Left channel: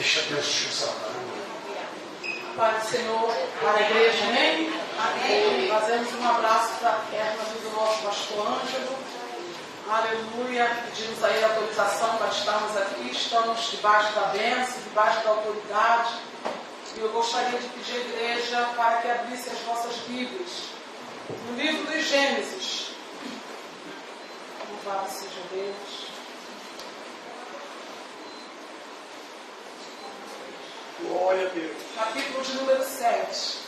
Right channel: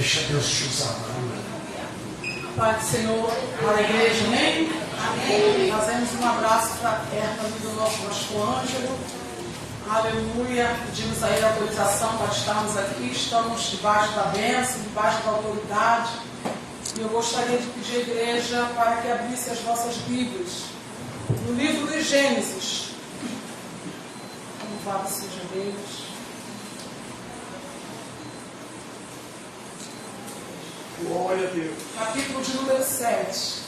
Deixa Deus te usar. Pai do Senhor, para a igreja, amém? Amém. Fazemos um abraço fraterno do nosso pastor Ângelo. Aleluia. Pedimos aí a autorização para estarmos aqui. Estamos debaixo da bênção, debaixo da autoridade. E eu gostaria de pedir à igreja para que abrisse as vossas Bíblias no livro de Gênesis. Louvado seja Deus. Glória a Deus. Capítulo de número 7.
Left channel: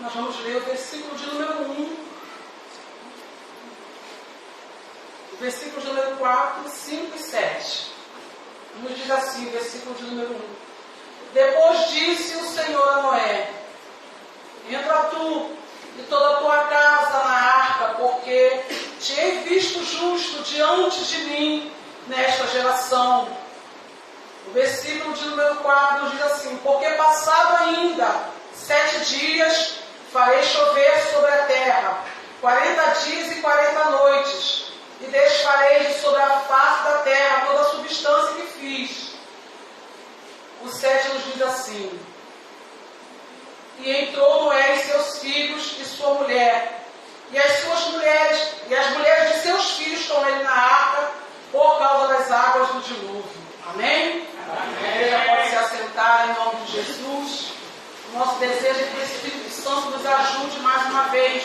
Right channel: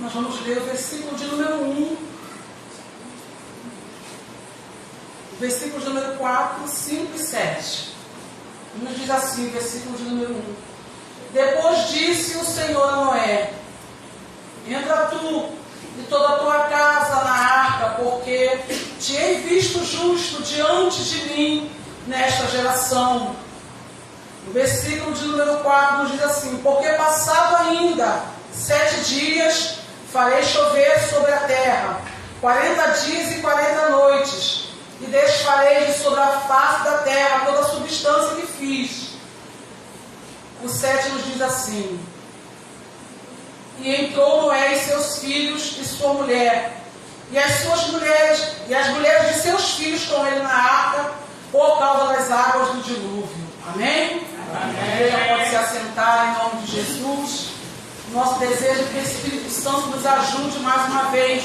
Nós vamos ler o versículo de número 1. O versículo de número 4, 5 e 7. Nos diz assim, o versículo de número 1. Depois disse o Senhor a Noé: entra tu e toda a tua casa na arca, porque te hei visto justo diante de mim nesta geração. O versículo de número 4 nos diz assim: porque passado ainda 7 dias, farei chover sobre a terra 40 dias e 40 noites, e desfarei de sobre a face da terra toda a substância que fiz. O 7 nos diz assim: e entrou Noé e seus filhos e sua mulher, e as mulheres de seus filhos com ele na arca, por causa das águas do dilúvio. Amém? Amém. Pode se assentar em nome de Jesus. Nosso desejo é que o Espírito Santo nos ajude mais uma vez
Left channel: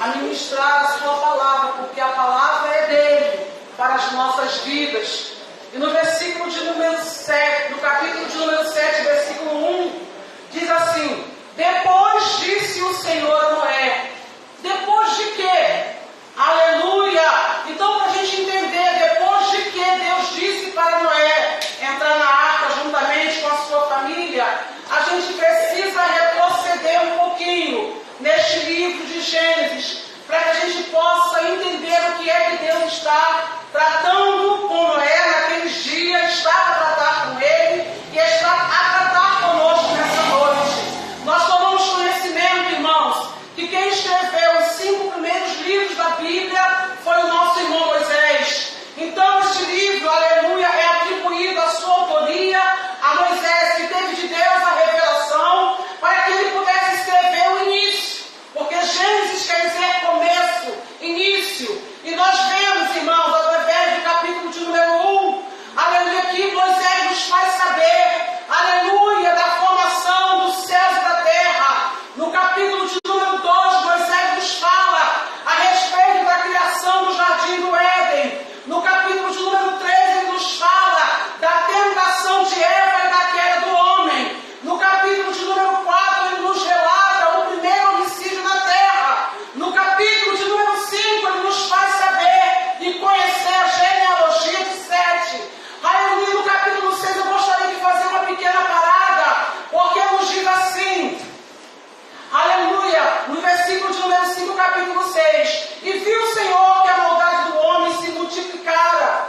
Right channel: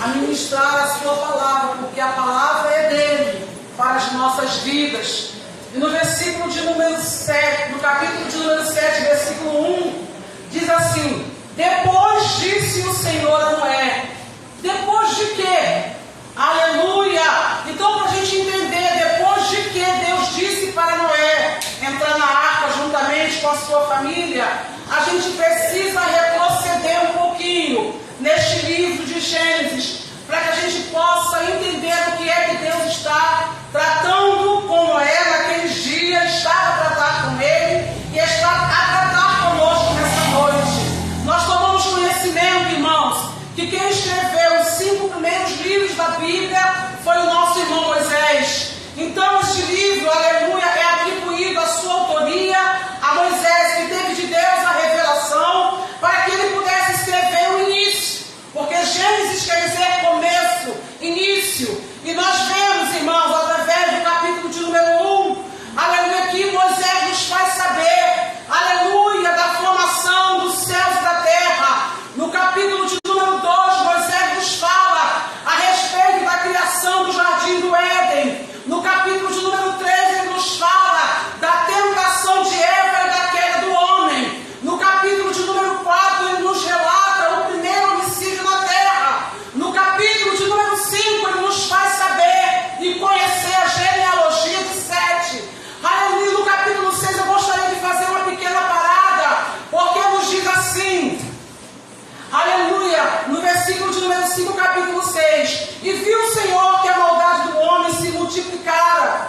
a ministrar a sua palavra, porque a palavra é dele para as nossas vidas. E no versículo de número 7, no capítulo de número 7, versículo 1, diz assim: depois disse o Senhor a Noé. Depois de quê? Aleluia! Então, para a gente entender, depois de que Deus disse para Noé entrar na arca juntamente com a sua família, a gente precisa retroceder um pouquinho neste livro de Gênesis, para que a gente possa entender o que é que Deus está tratando com Noé naqueles dias, estava a tratar com ele e está a tratar conosco nessa noite. Nós tomamos conhecimento, irmãos, que quem escreveu os 5 primeiros livros da Bíblia foi o nosso irmão Moisés. Então, este livro, aleluia, é atribuído a sua autoria a Moisés, que teve de Deus a revelação para que ele pudesse escrever o início. Porque Gênesis quer dizer começo, início. E nós vemos, irmãos, através do capítulo de número 1, aleluia, que Moisés nos faz saber, aleluia, da formação dos céus e da terra. No capítulo de número 2, Moisés nos fala a respeito da criação do jardim do Éden. No capítulo de número 3, ele nos fala da tentação de Eva e da queda do homem. No capítulo de número 4, ele nos relata o primeiro homicídio na terra. No capítulo de número 5, ele nos faz saber e conhecer a genealogia de Sete. Aleluia, no capítulo 6, eu gostaria de fazer uma pequena parada, porque nos diz assim, aleluia, no versículo de número 5, capítulo 6, e viu o Senhor que a maldade do homem se multiplicara,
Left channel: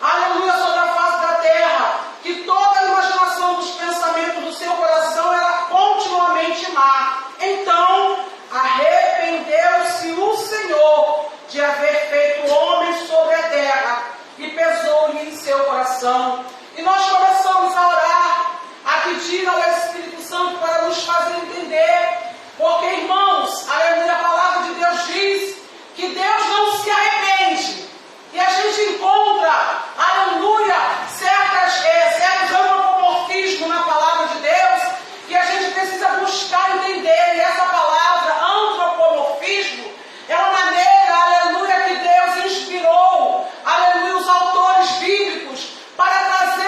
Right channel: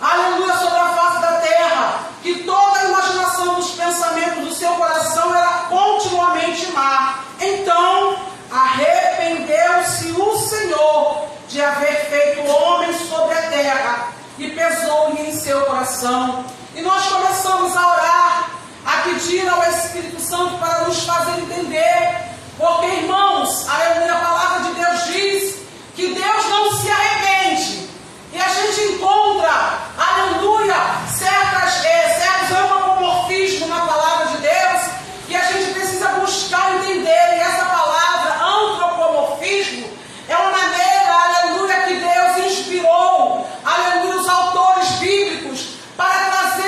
aleluia, sobre a face da terra, que toda a imaginação dos pensamentos do seu coração era continuamente má. Então arrependeu-se o Senhor de haver feito o homem sobre a terra, e pesou-lhe em seu coração. E nós começamos a orar, a pedir ao Espírito Santo para nos fazer entender, porque, irmãos, aleluia, a palavra de Deus diz que Deus não se arrepende. E a gente encontra, aleluia, certos antropomorfismos na palavra de Deus, que a gente precisa buscar entender. E essa palavra, antropomorfismo, é uma maneira, aleluia, que Deus inspirou, aleluia, os autores bíblicos para trazer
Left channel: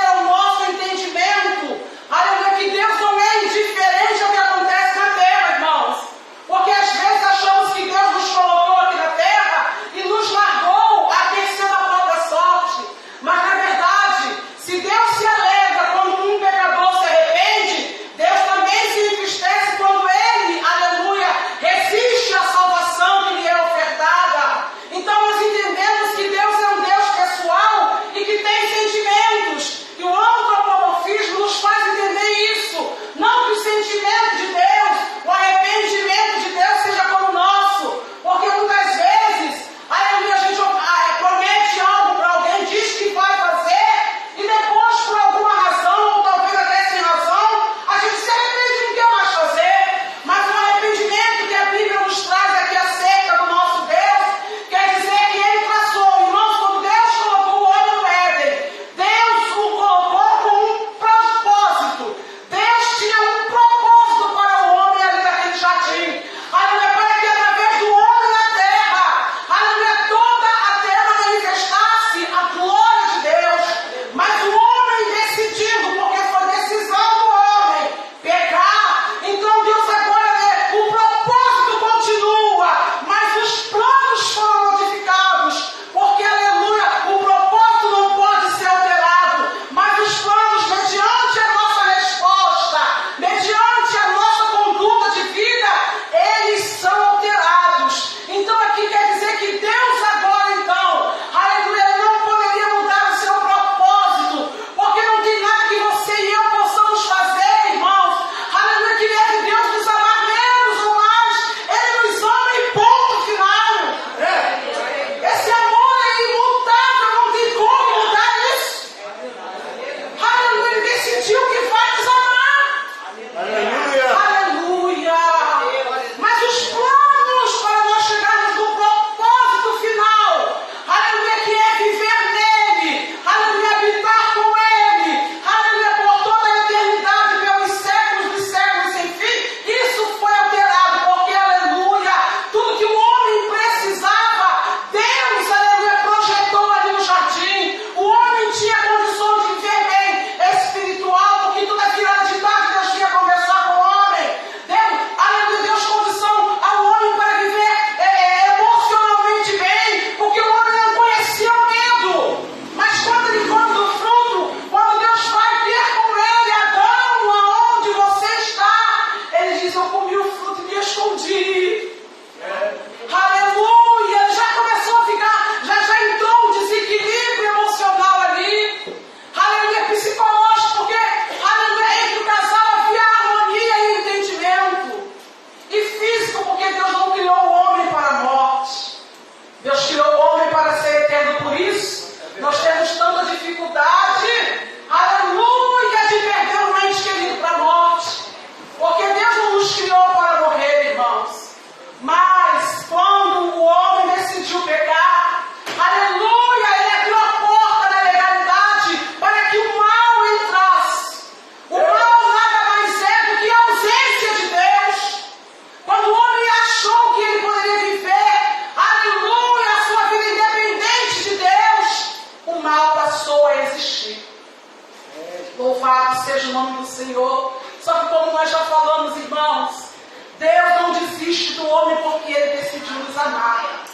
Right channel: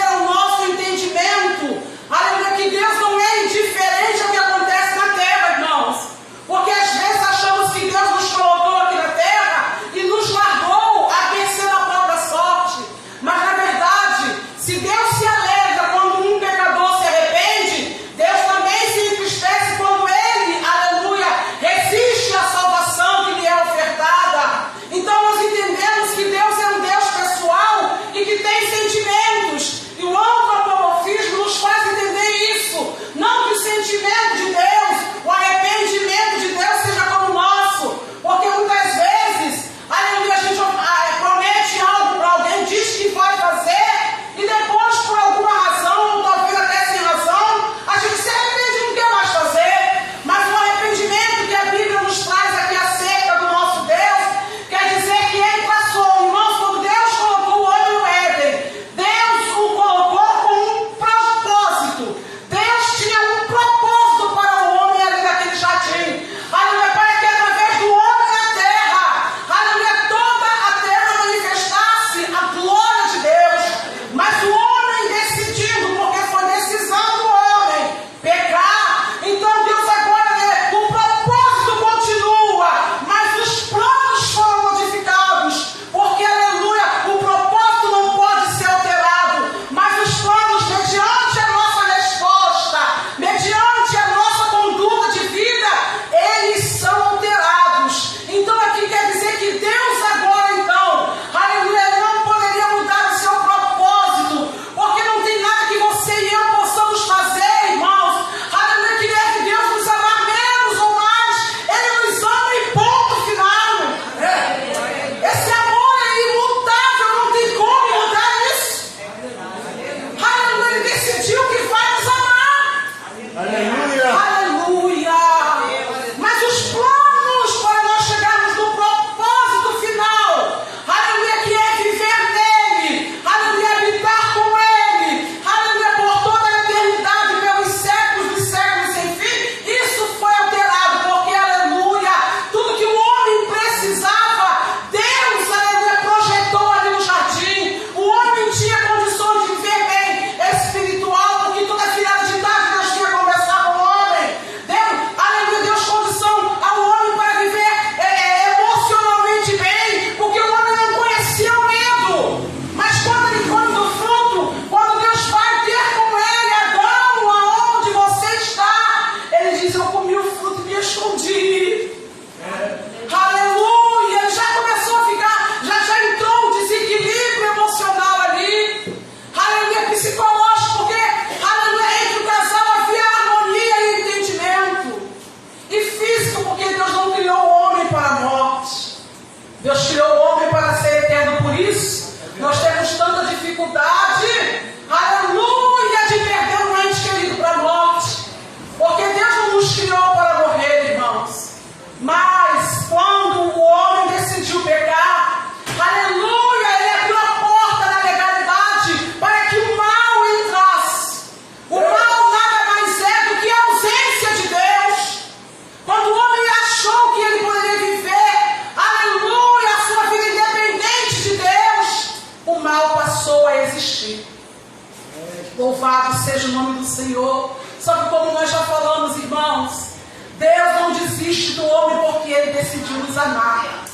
Louvado seja o nome do Senhor. Só que como nós já falamos, irmãos, Deus não desiste do homem porque Ele decidiu nos amar.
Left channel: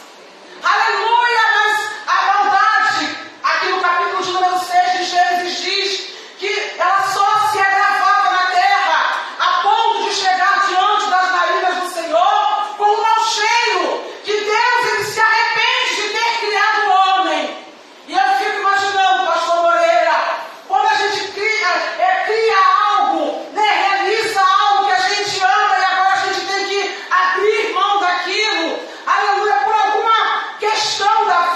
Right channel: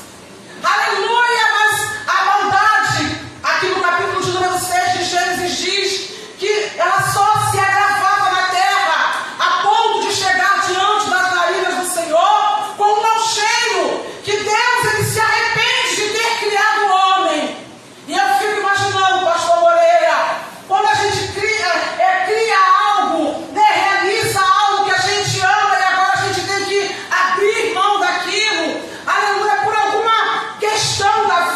Aleluia! Mas a maldade, aqui no capítulo de número 6 de Gênesis diz que ela só se agravava na terra, a ponto de chegar diante das narinas do Senhor com um mau cheiro, que Deus ele se arrepende de ter criado o homem. E eu fico imaginando, pastor Moreira, quando a gente cria algo, né, realiza algo que a gente ama e agora a gente tem que abrir mão daquilo, aleluia, por alguma questão da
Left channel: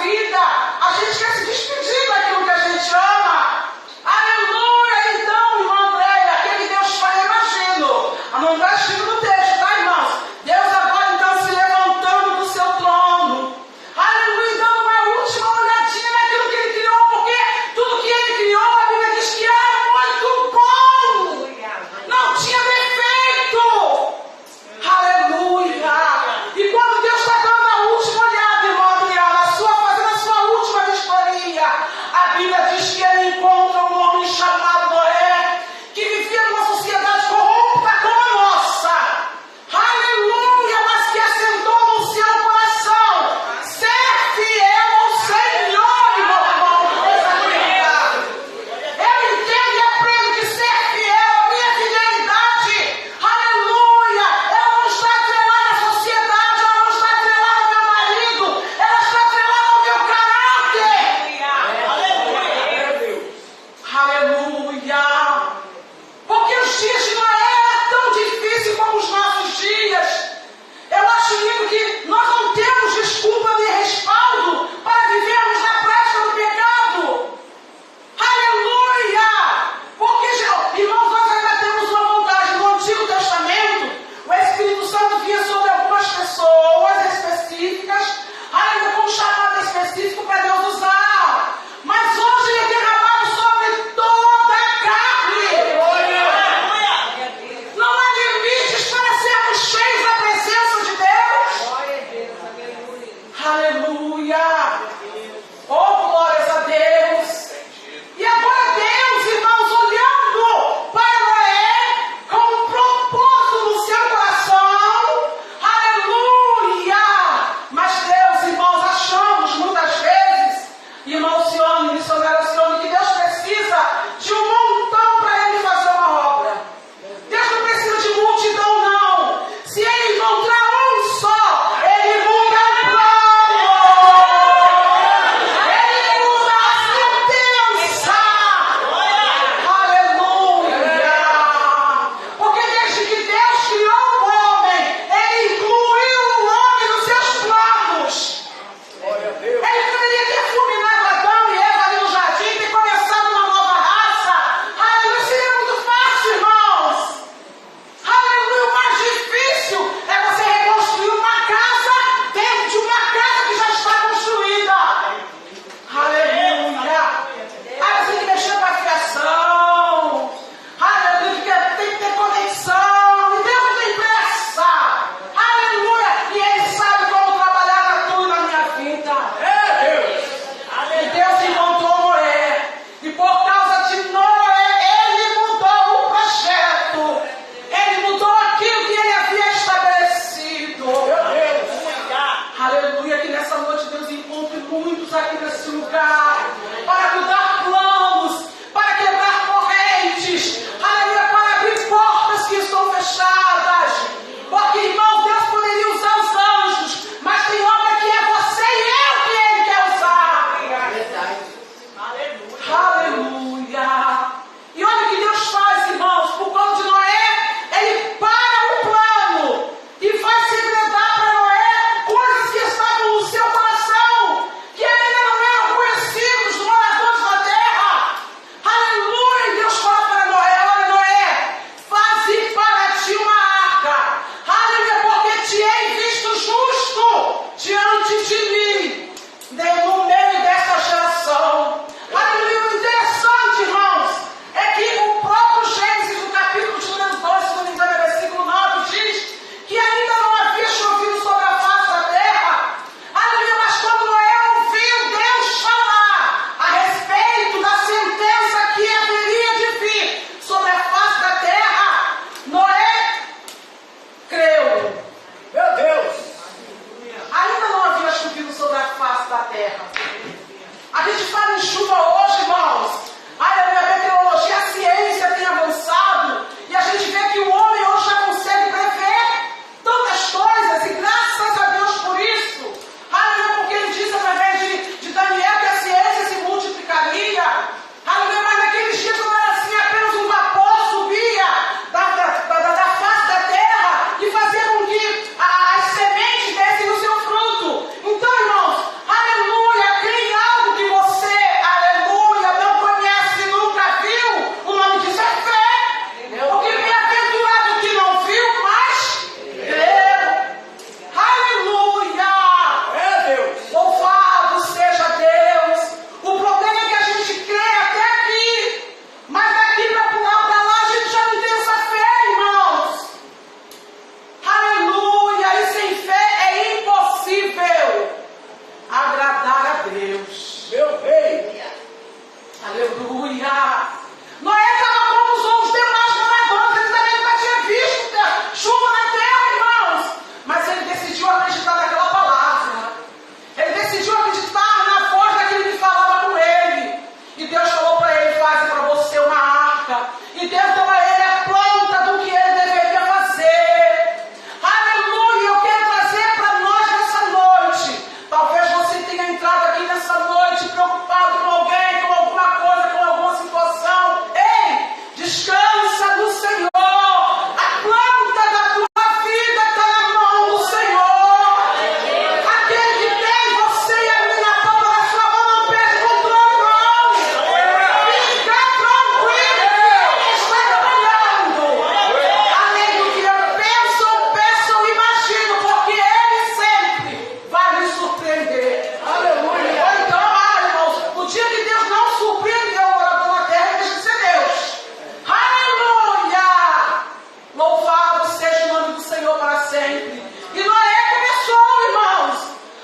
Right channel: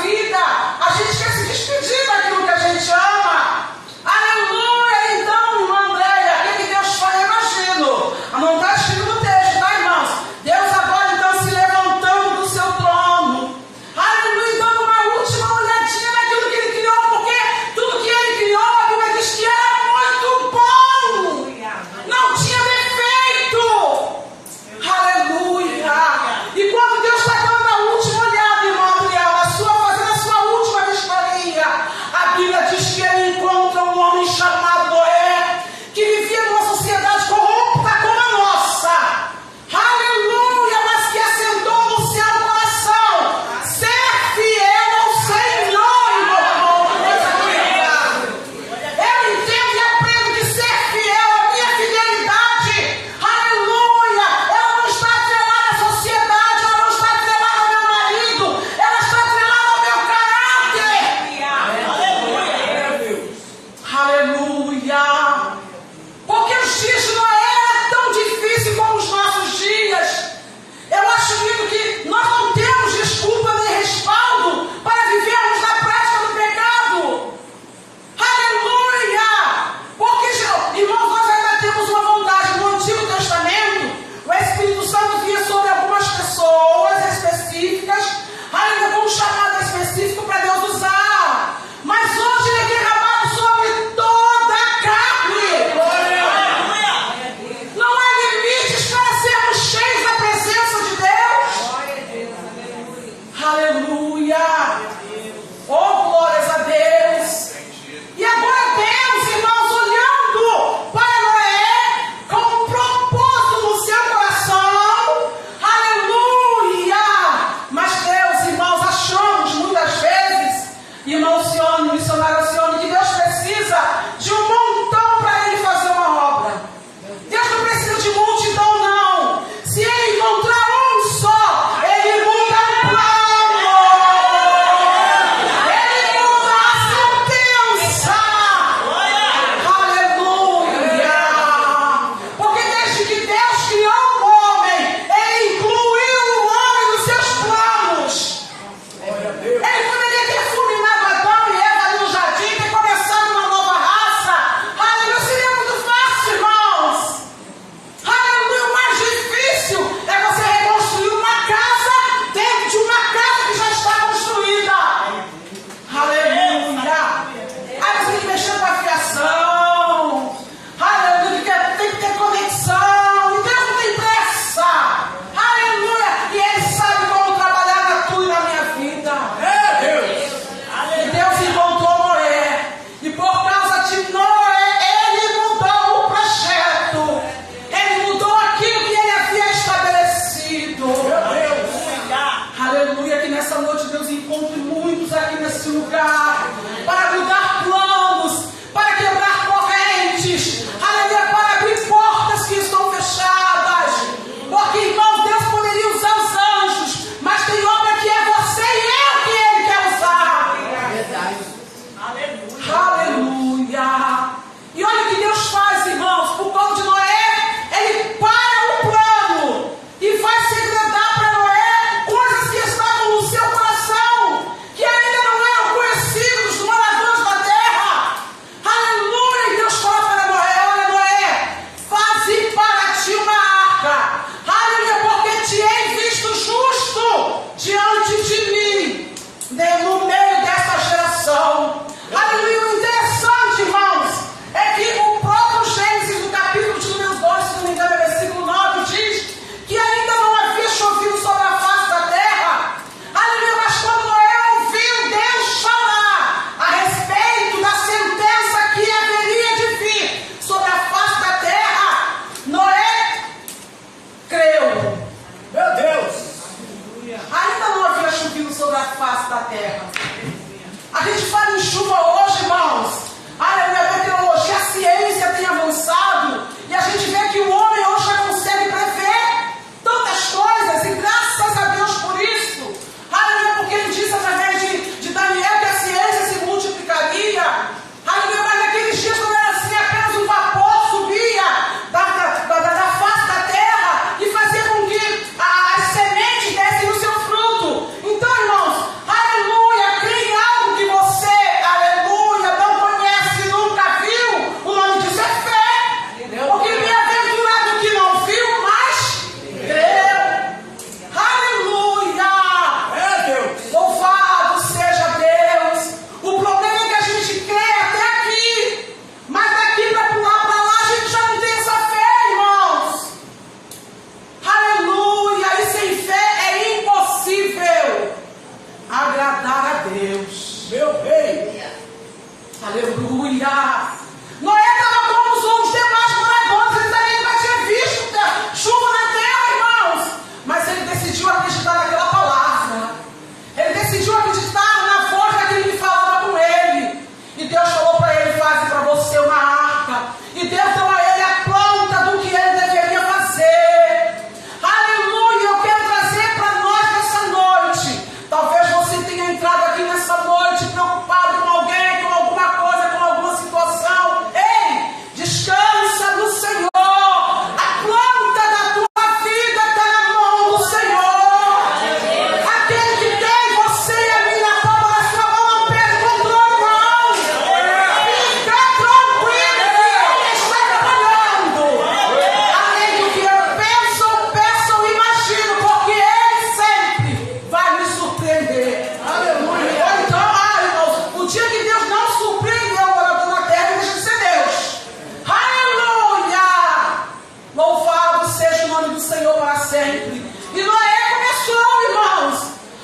sempre. E Noé começou, irmãos.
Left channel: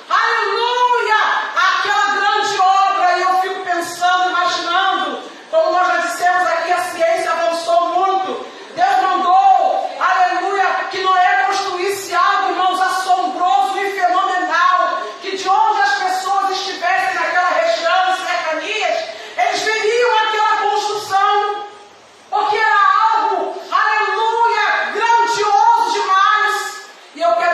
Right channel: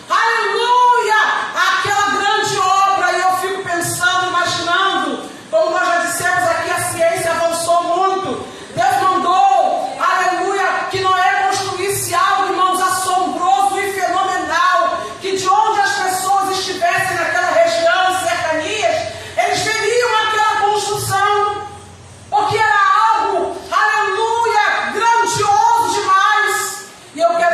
Aleluia! Aquela grande obra. E eu fico pensando, imaginando, como nós já dissemos aqui, a ciência avançou muito. Deus mandou, aleluia, que Noé construísse algo, irmãos, assombroso e fenomenal. Que de onde as pessoas estivessem naquela região e cercanias, eles veriam aquela construção. Porque era algo, aleluia, grandioso demais. E eu quero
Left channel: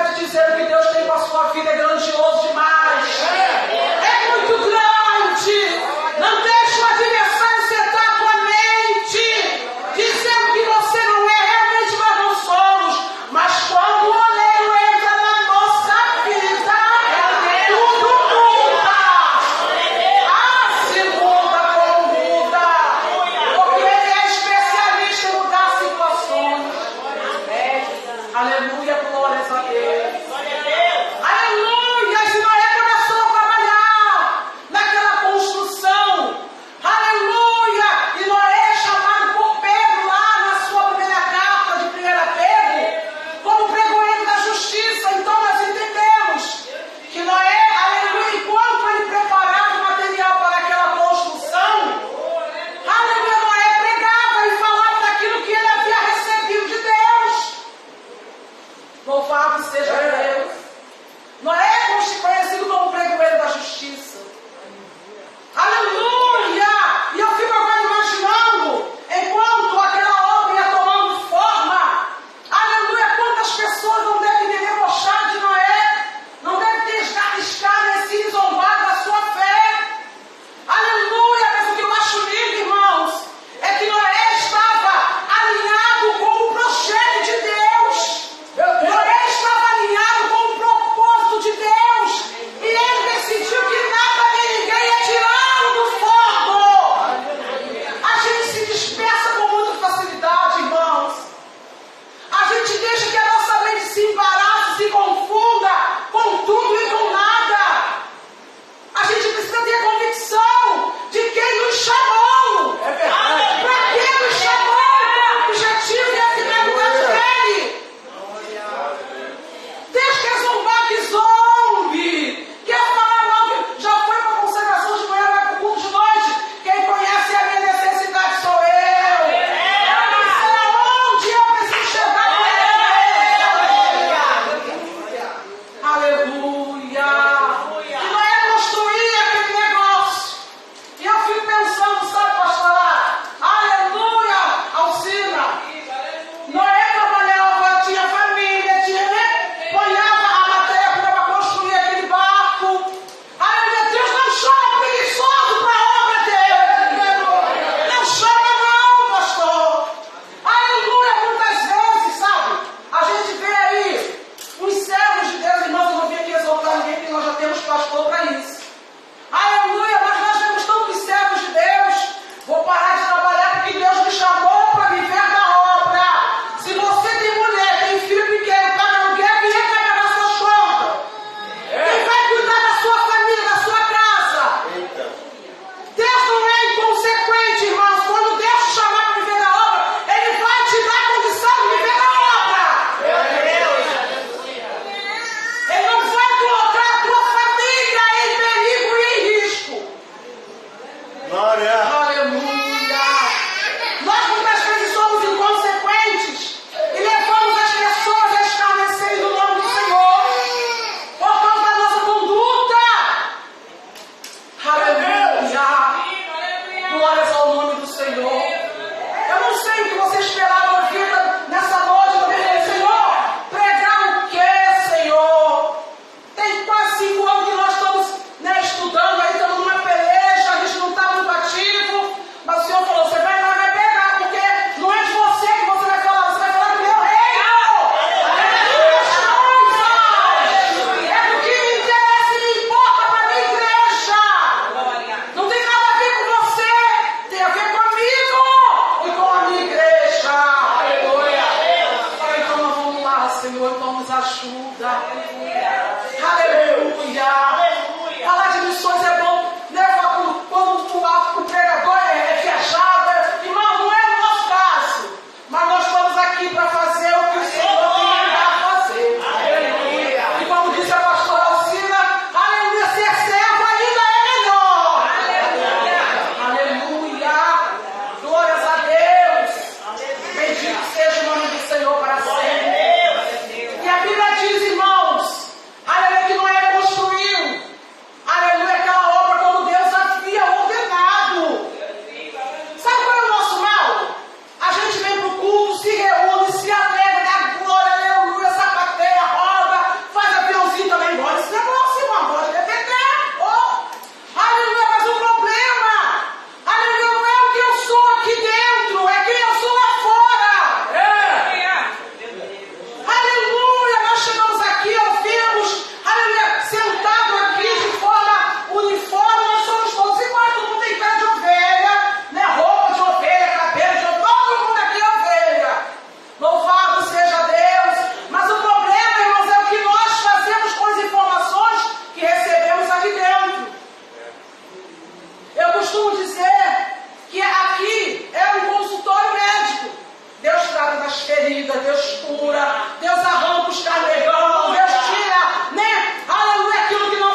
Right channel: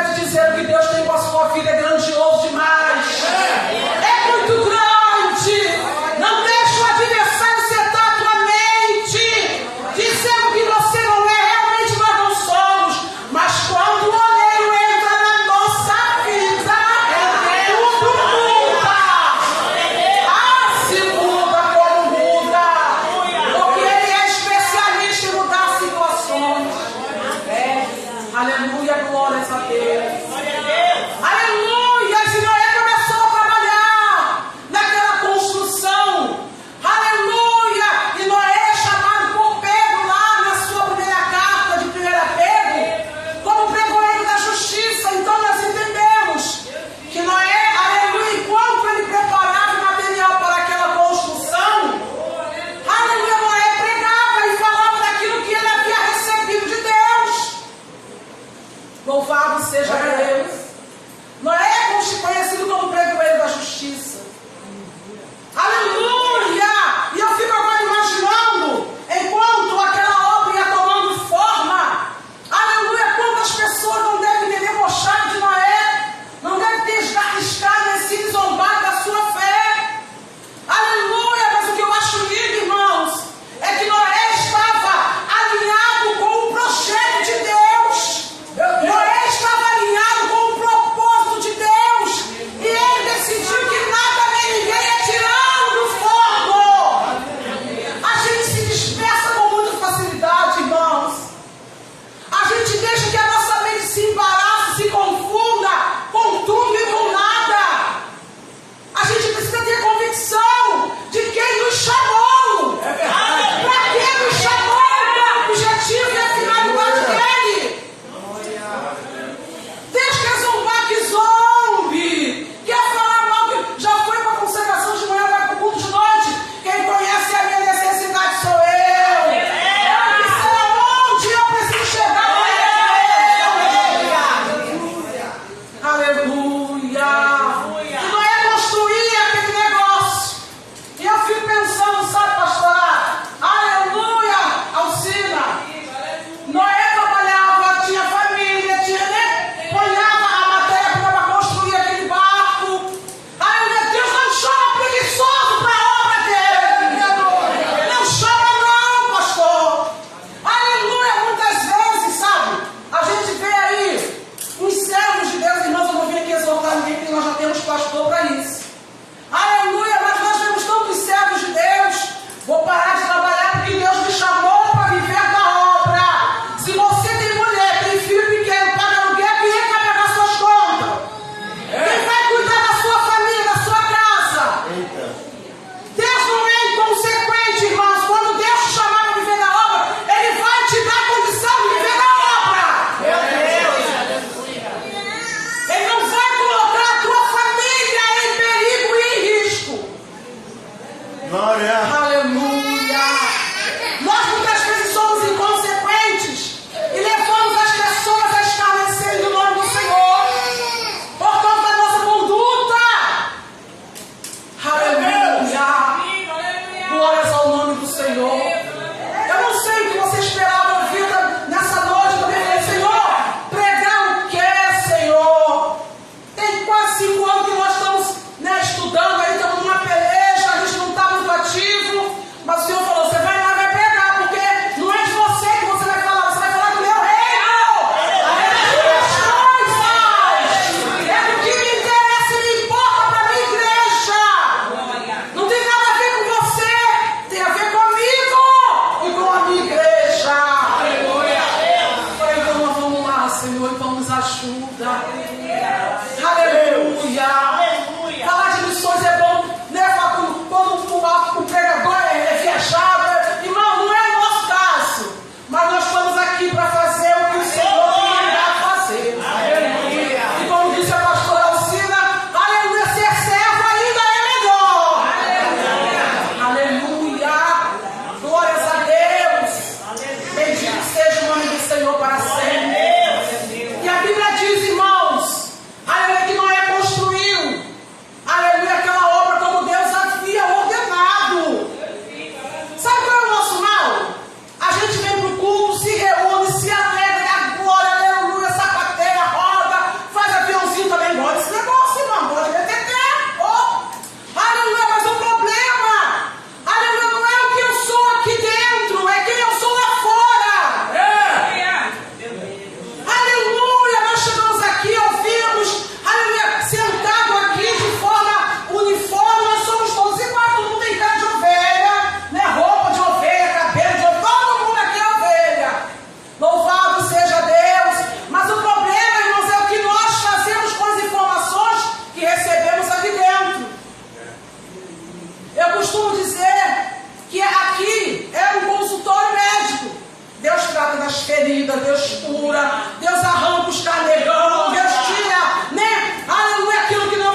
ferida, Deus cura, Deus arranca os carnegão, Deus tira, né? Aleluia, aquilo que não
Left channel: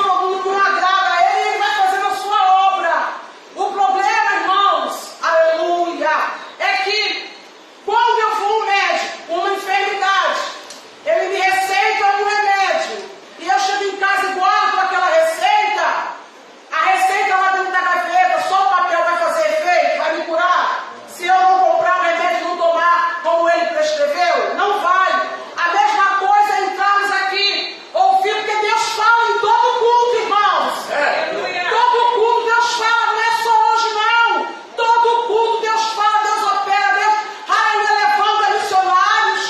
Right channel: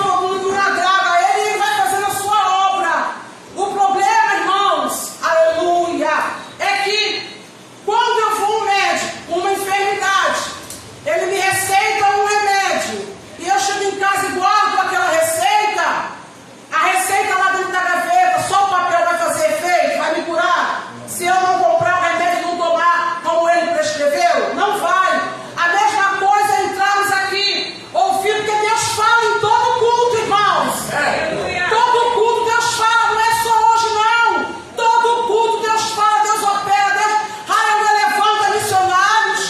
agrada a Ele, Ele vai fazer a sua obra. O problema, irmãos, aleluia, é que quando eu vou ao médico com uma enfermidade, ele me receita um remédio, e eu chego em casa e guardo aquela receita, a receita lá dentro da gaveta, só o papel vai fazer efeito, vai me curar? Se eu não comprar o remédio e não tomar como ele prescreveu, não vai. A mesma coisa é entrarmos aqui, ouvir, porque Deus fala em todo culto, irmãos. Todo culto Deus fala, não é só hoje não. Todo culto Deus fala, Deus opera, Deus, aleluia, levanta missionários.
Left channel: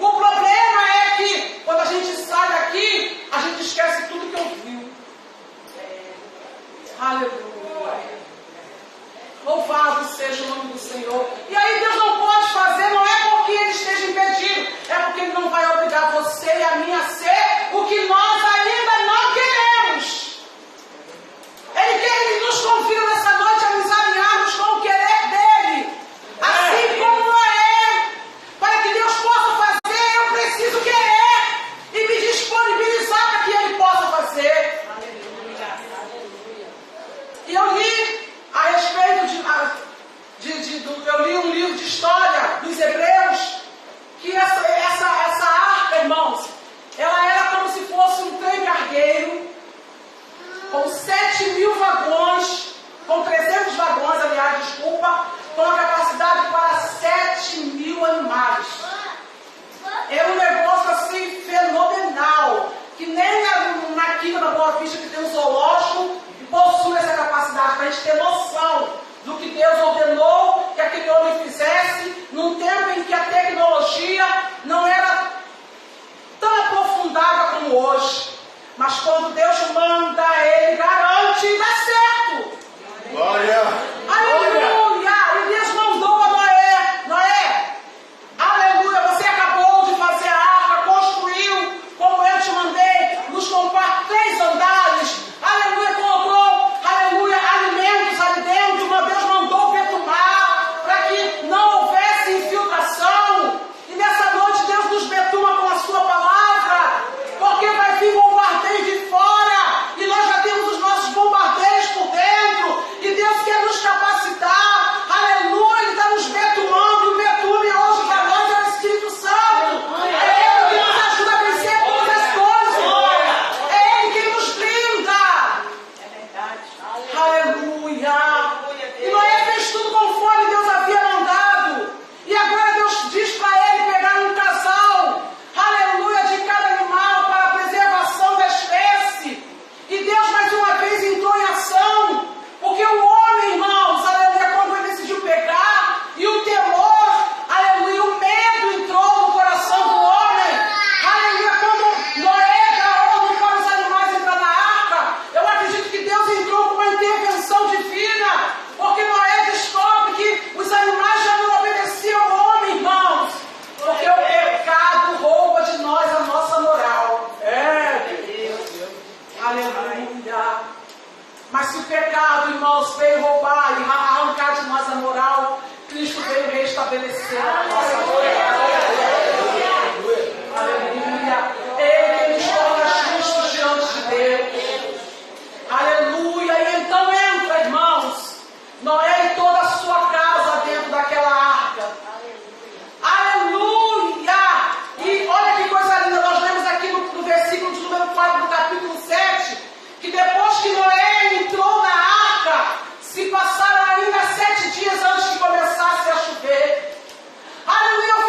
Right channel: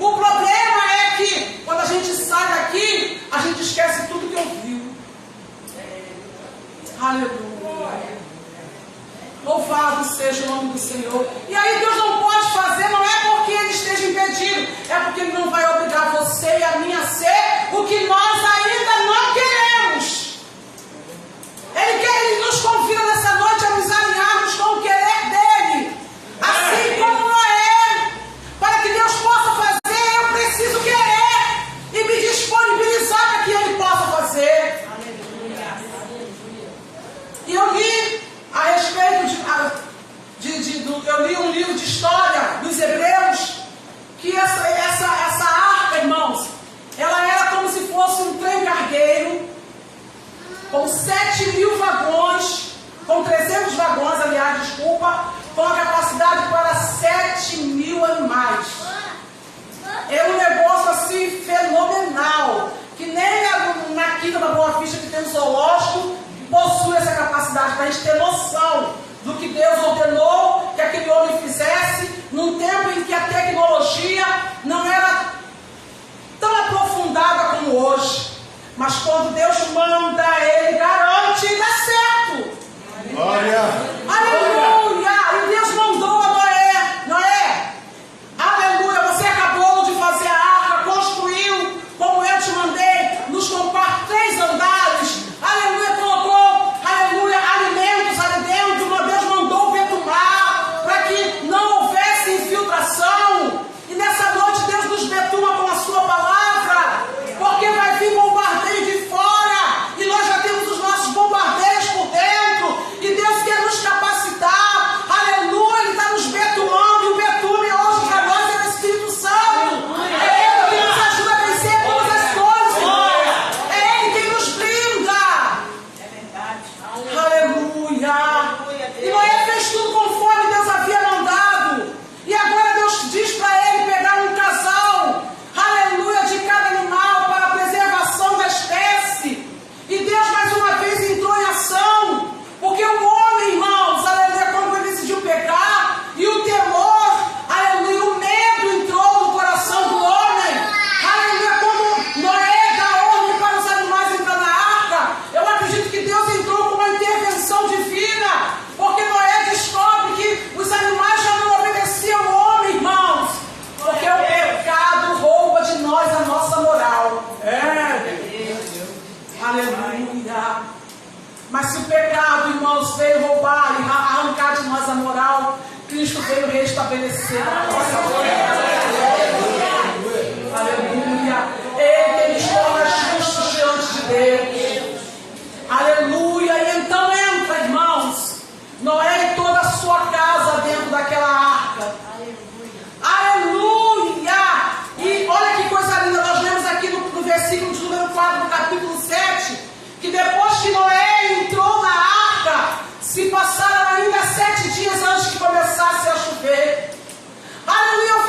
O problema é que quando a gente sai daqui, a gente esquece tudo que ouviu. Aleluia. Louvado seja o nome do Senhor. E aí Deus não pode fazer, não é porque Ele esteja impedido, é porque Ele não vai obrigar você e a mim a ser o que nós ainda não queremos. Ele nos convida nessa noite a nos alinharmos com o querer dEle, assim como Noé. Para que Deus possa fazer, eu preciso querer e me disponibilizar para que Ele possa fazer. E eu li a respeito eu li um livro de história dos Hebreus, que essa arca, irmãos, ela era como se fosse um trem cargueiro, com 7.000 vagões, com 300 vagões, aliás, desculpa, com a capacidade para 7.000 animais. É um negócio assim fenomenal, que nem na Quinta da Boa Vista, que tem um zoológico, possui essa capacidade, para a gente ter noção do que Deus ordenou que aquele homem fizesse, num tempo em que a tecnologia não era tão aprofundada como hoje. Mas quando Deus manda, Ele garante e dá certo. Glória! Aleluia! E Deus mandou a Noé, aleluia, você acabou de fazer a arca, construiu, como eu te mandei, nos comprar 3 andares, aleluia, colocou, aleluia, alimentos ali dentro, meu Deus mandou betumar, para que não houvesse infiltração, e nessa noite Deus nos betuma com a sua palavra, porque vai vir bombardeio de fora, e nós já temos os nossos bombardeios por dentro, e Deus quer nos capacitar, aleluia, Ele está nos betumando, e o betume hoje para nós é o Espírito Santo, é Ele que nos ajuda a vencer todas as coisas, irmão. É Ele que nos brinda, aleluia, e Noé fez tudo conforme Deus havia mandado, e agora Deus diz para ele pegar um casal, aleluia, de cada animal para a preservação da espécie, e Deus mais uma vez entrou em ação, porque o homem, irmãos, aleluia, quando ele decidiu pecar, e o temor, aleluia, o medo entrou no coração do homem, aleluia, quando Noé dá ordem para os animais entrar na arca, eu acredito que Deus entrou com uma intervenção divina, porque Noé descobre que os animais já não obedeciam ao homem, irmãos, porque o pecado rouba de nós a nossa moral. Aleluia. Mas se o pecado, irmãos, veio roubar e arrancar de nós a moral, Cristo veio restabelecer a nossa moral. Aleluia. Ele nos torna justos diante de Deus. Aleluia. E então entra, irmãos, Noé e toda a sua casa dentro daquela arca. Aleluia. E olha que coisa linda, nós lemos aqui no versículo de número 4 do capítulo 7, que depois que Noé entrou na arca, se passaram ainda 7 dias antes que começasse a chover. Aleluia, eu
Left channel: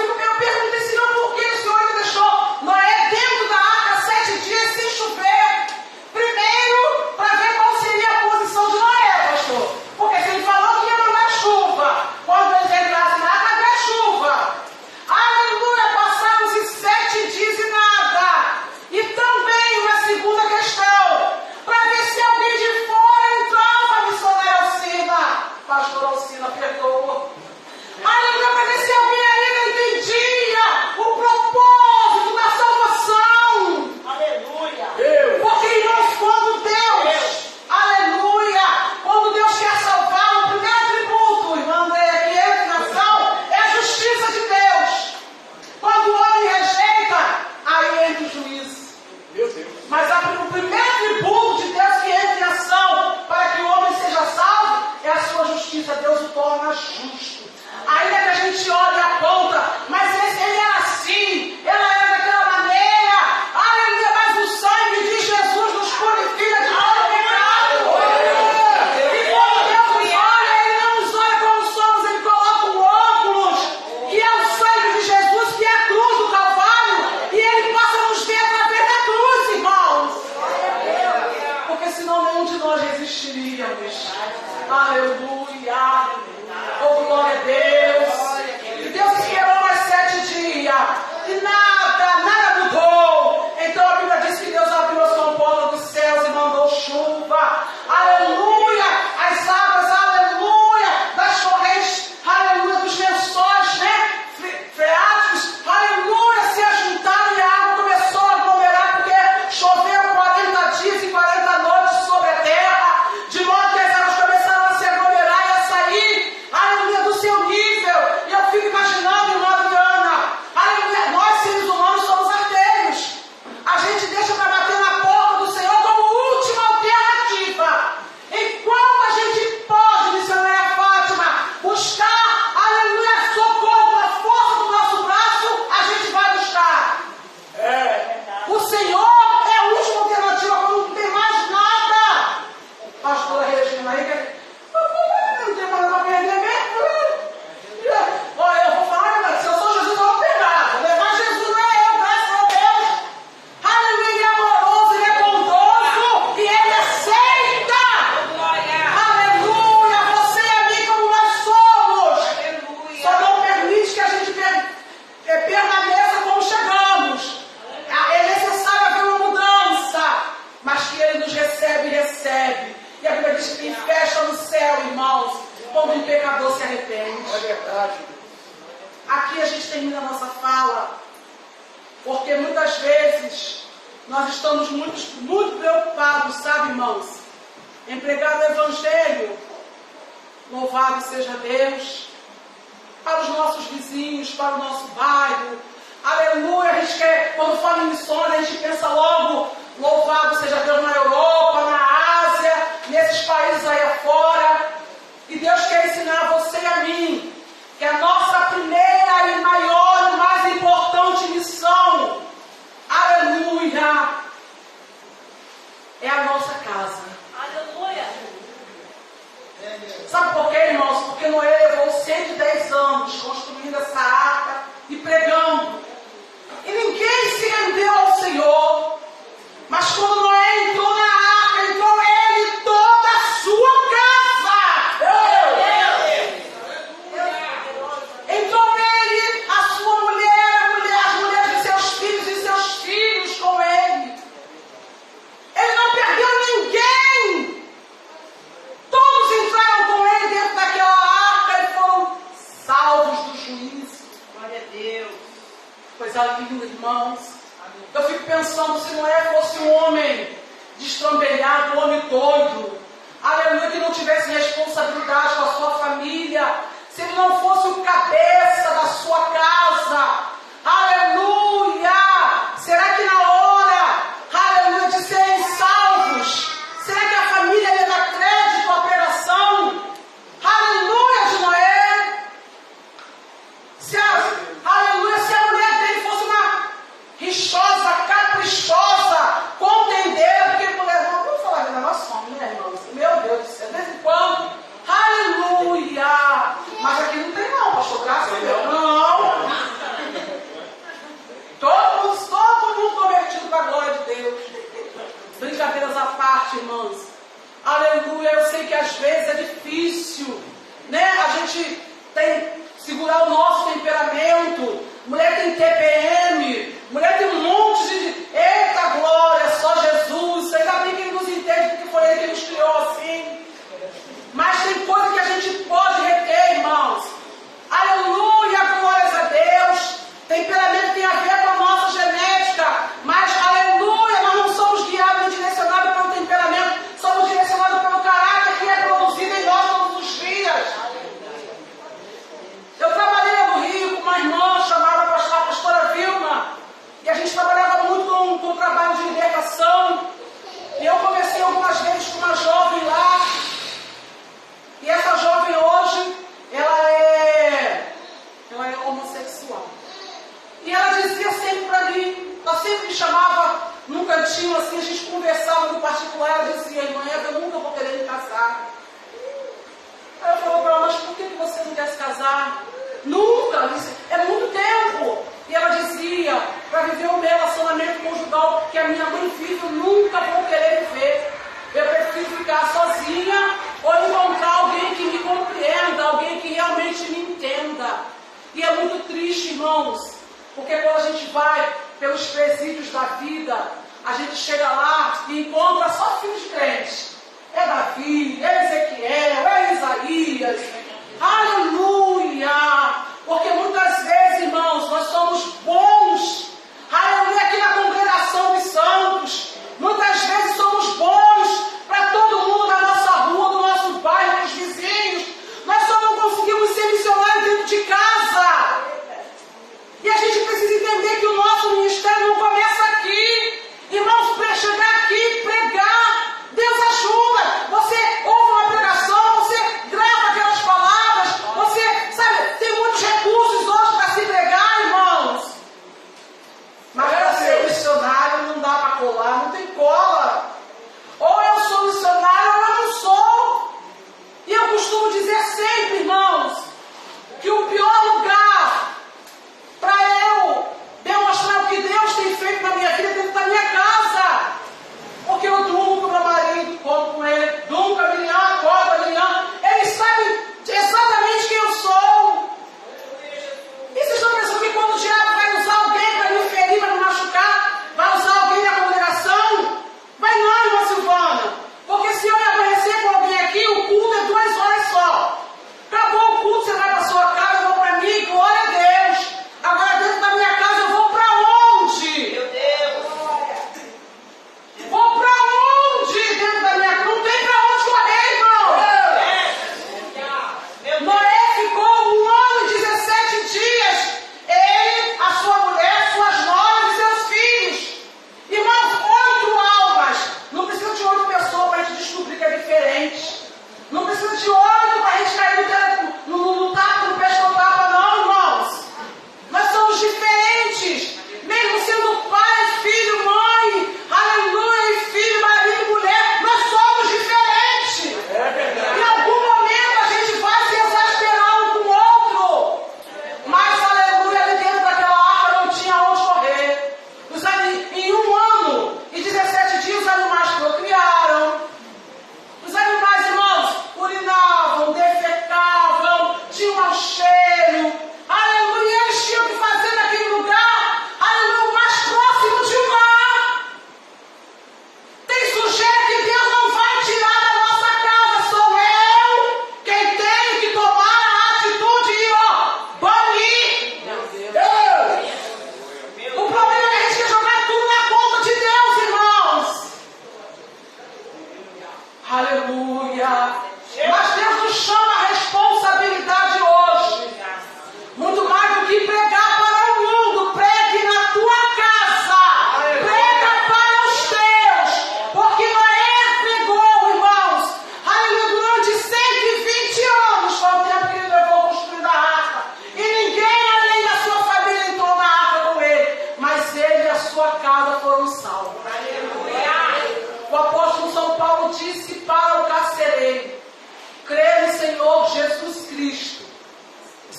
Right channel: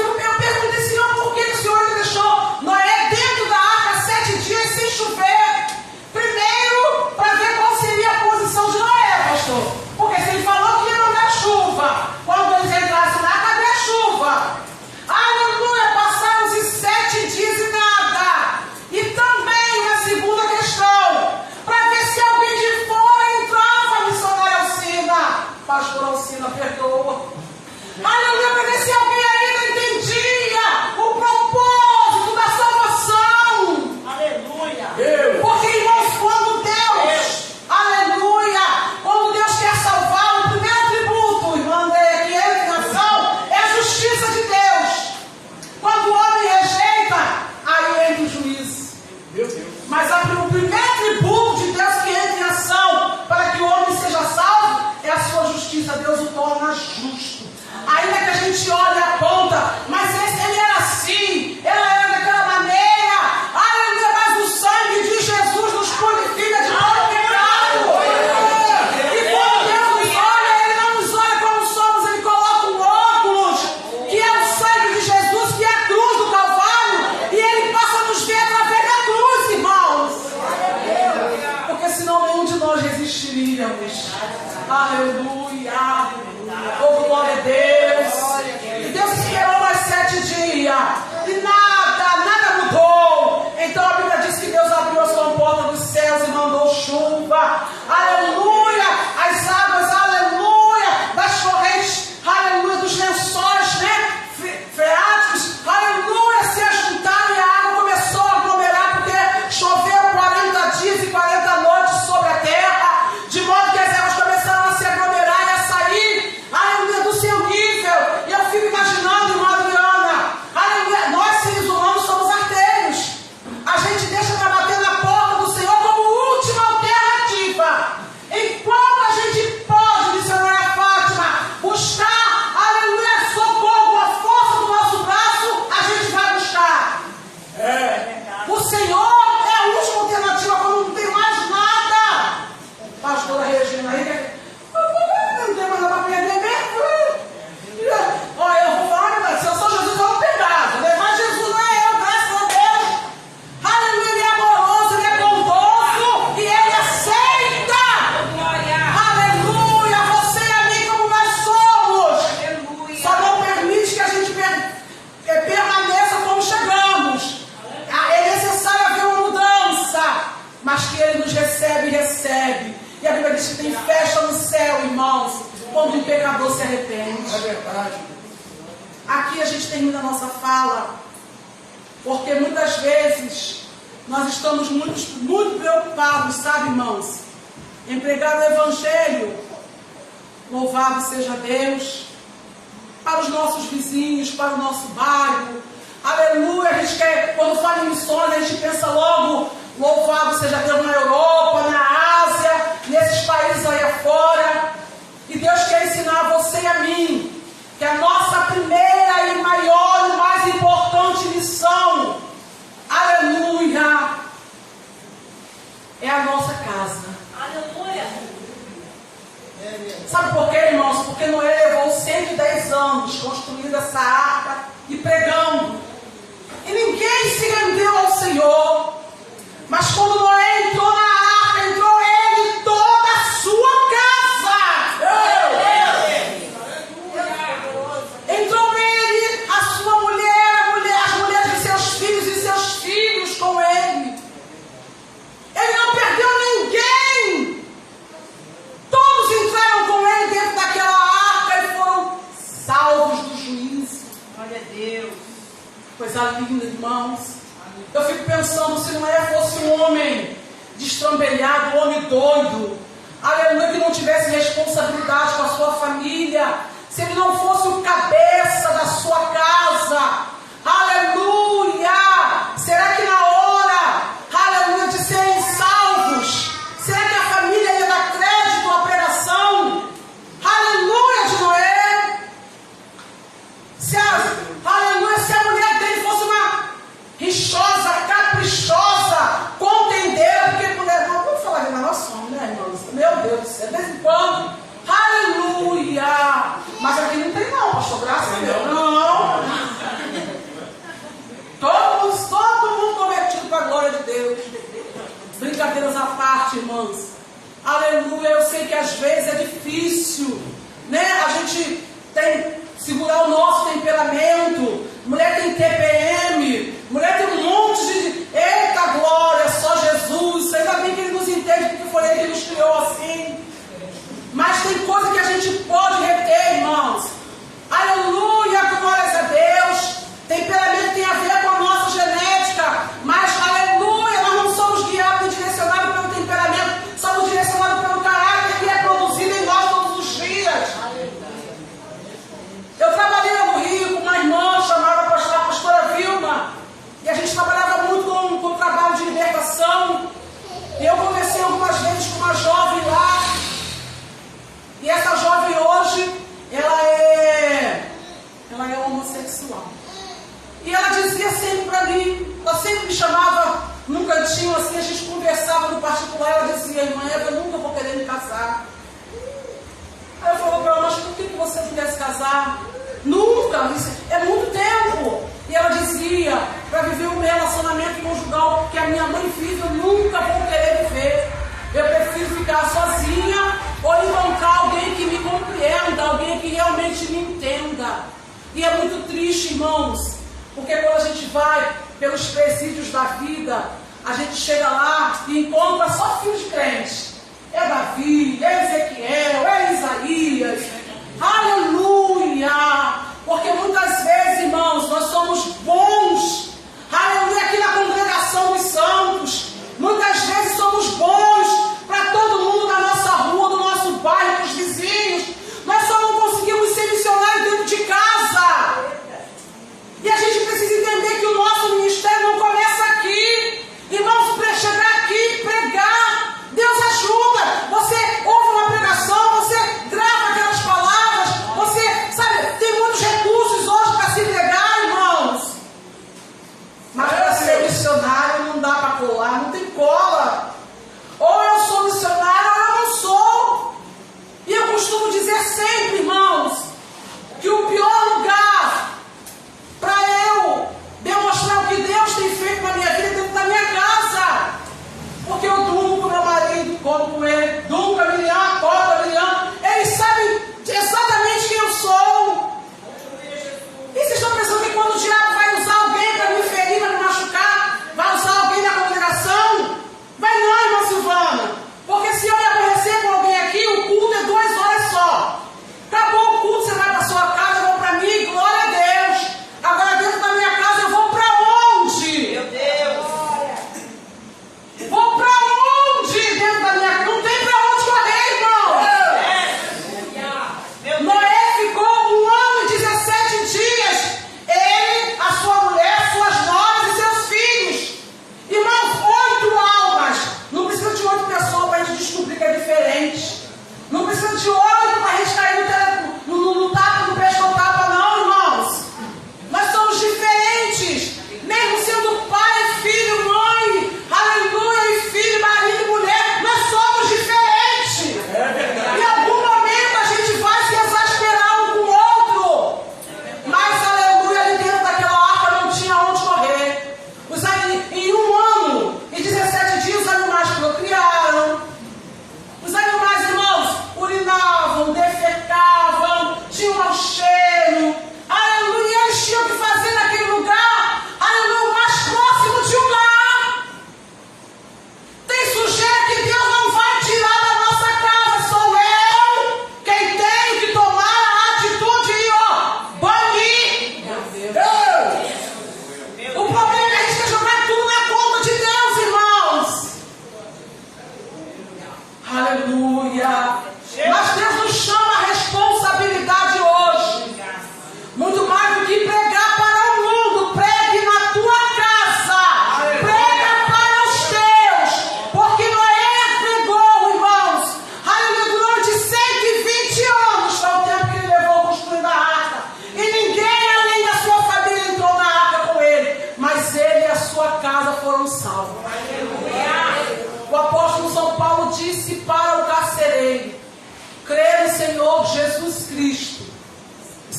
Aqui a gente termina a nossa fala, porque muitas vezes nós estamos muito preocupados, sabe, irmãos, em pregar o Evangelho, louvado seja Deus, para os nossos vizinhos, para o nosso bairro. Aleluia, a gente quer, quando fala em missões, a gente pensa logo, louvado seja Deus na Europa, na Ásia, nesses países aí afora. E Deus quer ensinar a você e a mim que a nossa primeira e maior e mais importante missão, aleluia, é a nossa casa. Aleluia. Sabe por quê, irmãos? Porque Noé levou 110 anos construindo essa arca e pregando. E ninguém se rendeu ao Senhor. Mas quando Noé entrou na arca, entrou ele e toda a sua casa. Entrou ele, a sua mulher, as mulheres de seus filhos e seus filhos com ele. Ele não perdeu ninguém. Todos entraram com ele dentro daquela arca e foram salvos do juízo. Glória a Deus. Coisa linda, irmãos. Eu fico pensando, se Noé fosse um homem destrambelhado, um homem doido, aleluia, que não tivesse responsabilidade com a sua família, se ele não fosse o cabeça da sua casa, aleluia, será que na hora, aleluia, de serem salvos, será que a família ia dar crédito à pregação? Aleluia de Noé. Aleluia, se a mulher dele fosse uma rixosa, caprichosa, contendeira, porque mulher, vamos falar que nós somos, né, irmãos? Meu Deus do céu, de vez em quando, aleluia. Mas aqui não tem não, pastor, graças a Deus. Não. Todo mundo convertido para a glória de Deus. Brincadeiras à parte, irmãos. Aleluia, eu sei que às vezes é difícil, né? A gente tem segurar o nosso temperamento. Mulher tem TPM, mulher tem um monte de... Eita glória, só Jesus. Ainda bem que Ele nos entende, porque foi Ele que nos criou assim. Mas tem coisa que a gente pode reter, irmãos. Aleluia, glórias a Deus. Temperamento tem a ver com a nossa genética. Mas, aleluia, nós não somos guiados nem direcionados pelo temperamento. Somos direcionados pelo caráter que é produzido em nós todos os dias. Eu trabalhei no Rio com uma irmã chamada pastora Vilma, e a gente trabalhava muito com o trabalho de libertação, e eu conversei algumas vezes com uma jovem lá, e essa jovem hoje, ela é homossexual, e ela dizia sempre para mim, ela sempre me chamava num cantinho assim, a gente conversava no particular, ela dizia, irmã, eu nunca vou querer me casar. Aí eu falei para ela, mas por que você não quer se casar? Nunca, isso é muito tempo. E ela dizia, para viver o meu relacionamento conjugal que a minha mãe vive, eu nunca vou querer viver. Eu prefiro ficar sozinha ou encontrar alguém que me compreenda, alguém que realmente me entenda. E é muito triste, irmãos, porque quando a gente vai pelos presídios da vida, a gente chega lá e encontra só filhos de crente. É Davi, é Ezequiel, é Isaías. Aleluia! Porque muitas vezes, irmãos, nós somos bons. Aleluia, aqui na congregação dos santos. Muitas vezes somos bons para todo mundo da nossa rua, do nosso bairro, dos vizinhos. Mas só não conseguimos ser missionários dentro de casa. E a gente precisa entender que o nosso ministério não começa aqui. Irmãos, para chegar aqui e pregar, Deus ajuda. Você ouve uma pregação, você grava aquelas palavras, você, sabe, tem muitos recursos hoje para se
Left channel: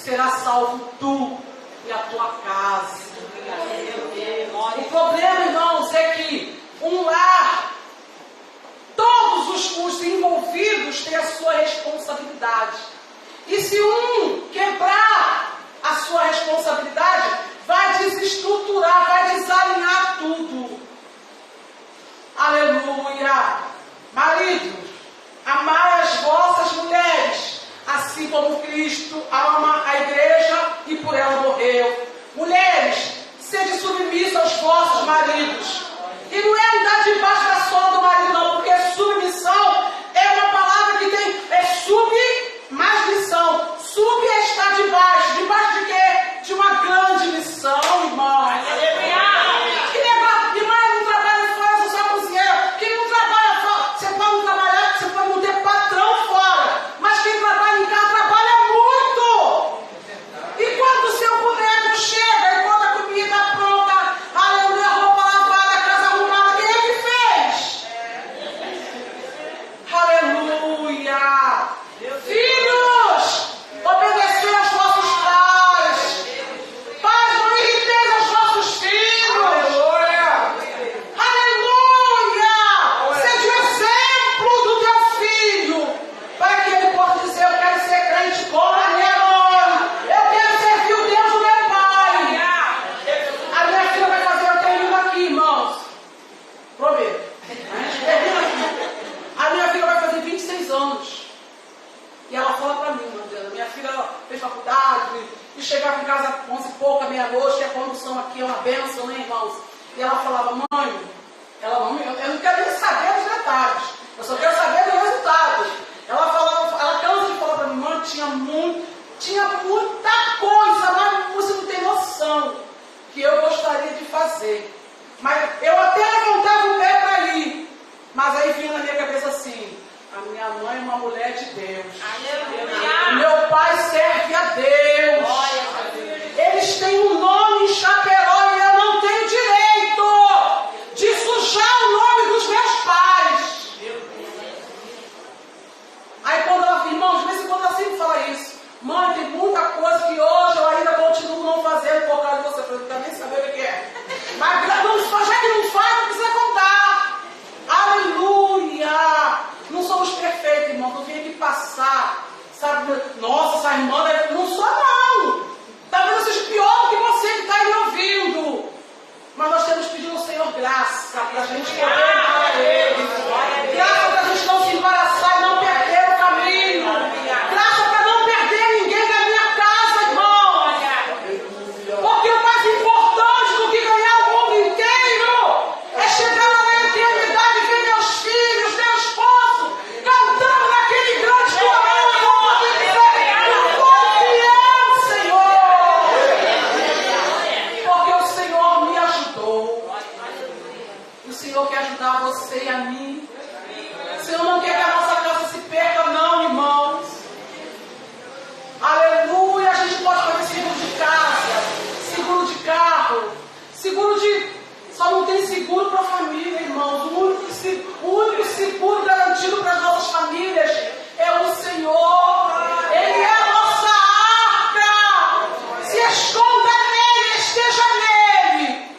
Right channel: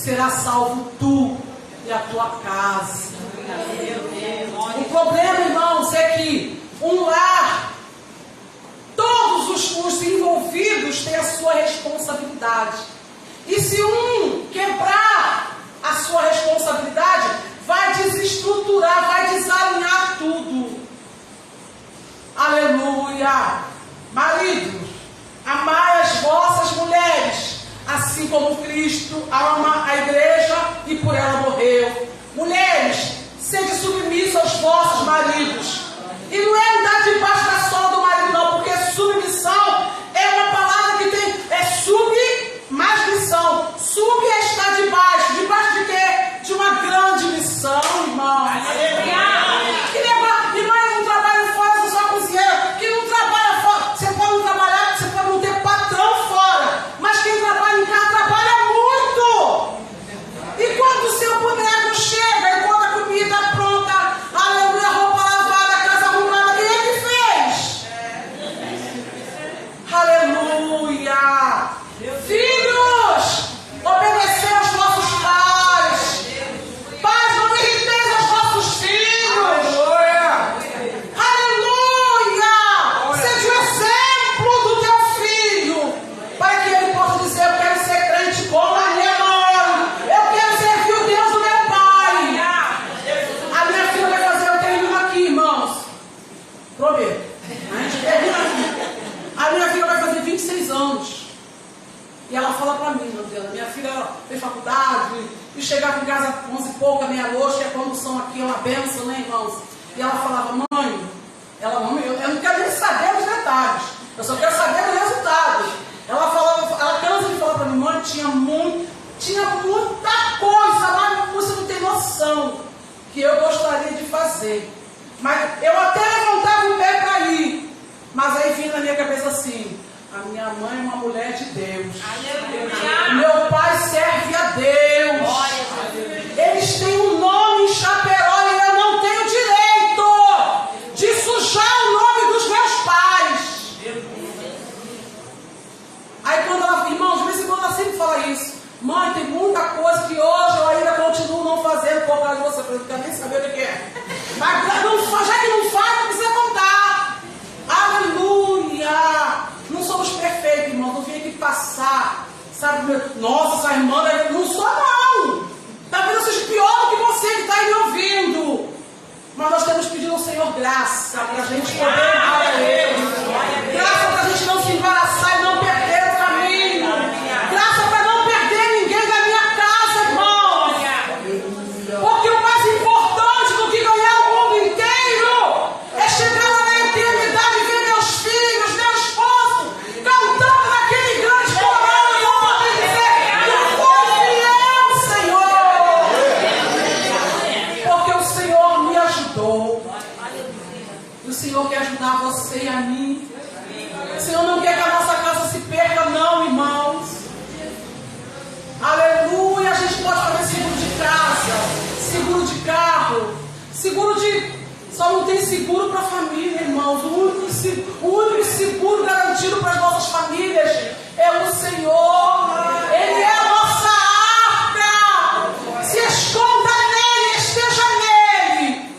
será salvo tu e a tua casa. O problema, irmãos, é que um lar, todos os envolvidos têm a sua responsabilidade. E se um quebrar a sua responsabilidade, vai desestruturar, vai desalinhar tudo. Aleluia! Maridos, amai as vossas mulheres, assim como Cristo ama a igreja e por ela morreu. Mulheres, sede submissas aos vossos maridos. E não é andar debaixo da sola do marido, não, porque submissão é uma palavra que tem, mais missão. Sub é estar debaixo. Debaixo de quê? De uma grande missão, irmão. Irmã, não trabalha fora, você só cozinheiro. Quem não trabalha fora, você pode não trabalhar, você pode não ter patrão fora. Mas quem trabalha em casa trabalha muito. E quando o seu boneco chega, e quando a comida está pronta, a roupa lavada, a casa arrumada, quem é que fez? Aleluia! Filhos, obedecer aos vossos pais. Pais, não irriteis aos vossos filhos. Aleluia! Aleluia! Seja o exemplo do teu filho, para que ele possa dizer: eu quero ser crente como a minha mãe. Eu quero servir o Deus do meu pai. A minha filha vai fazer, eu termino aqui, irmãos. Prometo. A gente termina aqui. A minha filha vai fazer 26 anos. E ela fala pra mim, Adriana, minha filha fez faculdade, e chegava em casa 11 e pouca, meia-noite, e a condução aqui é uma bênção, né, irmãos? E ela falava: mãe, eu não quero nem saber dos detalhes, eu só quero saber do resultado. Ela falava, ela cansa de falar pra mim: mãe, tinha muita coisa, mas você não tem noção que eu gostaria de fazer. Mas eu até levantava o pé pra ir, mas aí vinha na minha cabeça assim: a minha mãe é uma mulher de Deus. Aleluia. Meu pai serve a Deus. Eles têm um nome em Chaperó e eu não tenho direito de sujar o nome dos meus pais. Aí quando ela, irmãos, de vez em quando ela sempre fala isso: mãe, tem muita coisa que hoje eu ainda continuo não fazendo por causa de você. Eu não quero nem saber o que é. Mas não, já que não faz, não precisa contar. Aleluia! Não somos perfeitos, irmão. Não vim aqui passar, sabe? Nossa, essa irmã, não sou, não. Talvez eu seja pior do que você que está me ouvindo. Mas nós temos pedido ao Senhor graça para a gente poder amar a Ele. Graça para a gente não se embaraçar e não perder o caminho. Graça para não perder ninguém da minha casa, irmão. Porque o mais importante do que ganhar o mundo inteiro é chegar lá na eternidade e ver meus filhos, meu esposo, cantando naquele grande coral e eu poder dizer: eu fui fiel, Senhor. Porque o Senhor me ajudou. O Senhor quer ajudar você e a mim. O Senhor não quer que a nossa casa se perca, não, irmãos. Aleluia. A gente pode fazer seguro de casa, seguro de carro, seguro de... Só não tem seguro para a família, irmãos. O único seguro garantido para as nossas famílias é o Senhor. Ele é a nossa arca. Se esconda nele, esteja nele.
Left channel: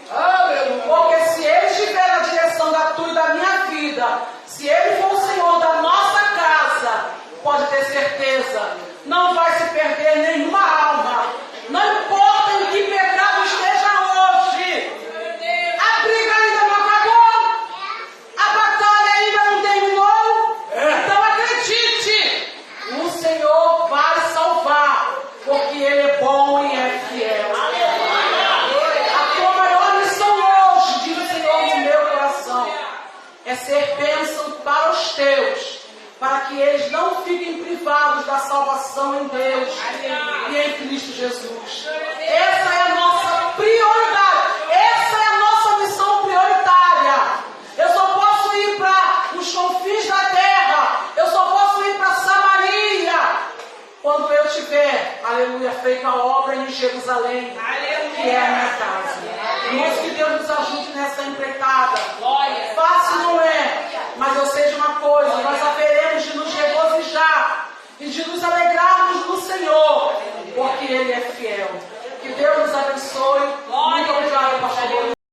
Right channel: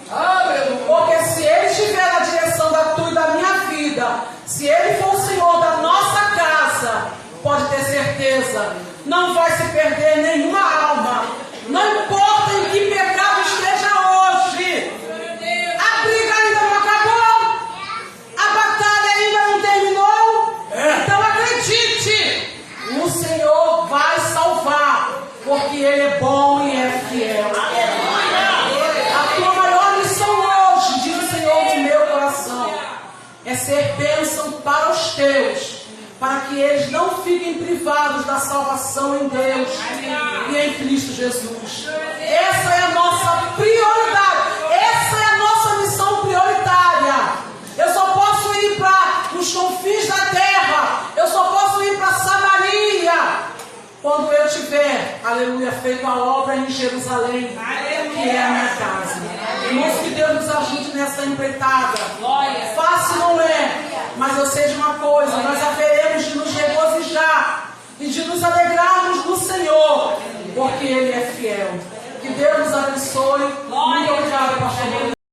Porque se Ele estiver na direção da tua e da minha vida, se Ele for o Senhor da nossa casa, pode ter certeza, não vai se perder nenhuma alma. Não importa em que pecado esteja hoje. A briga ainda não acabou. A batalha ainda não terminou. Então acredite, o Senhor vai salvar, porque Ele é bom e é fiel. A tua maior missão hoje, diz o Senhor do meu coração, é ser bênção para os teus, para que eles não fiquem privados da salvação em Deus e em Cristo Jesus. Essa é a nossa prioridade. Essa é a nossa missão prioritária. Eu só posso ir para os confins da terra. Eu só posso ir para Samaria quando eu tiver, aleluia, feito a obra em Jerusalém, que é a minha casa. Irmãos, que Deus nos ajude nessa empreitada. Fácil não é, mas eu sei de uma coisa: nós haveremos de nos regozijar e de nos alegrarmos no Senhor. porque Ele é fiel. Que Deus nos abençoe.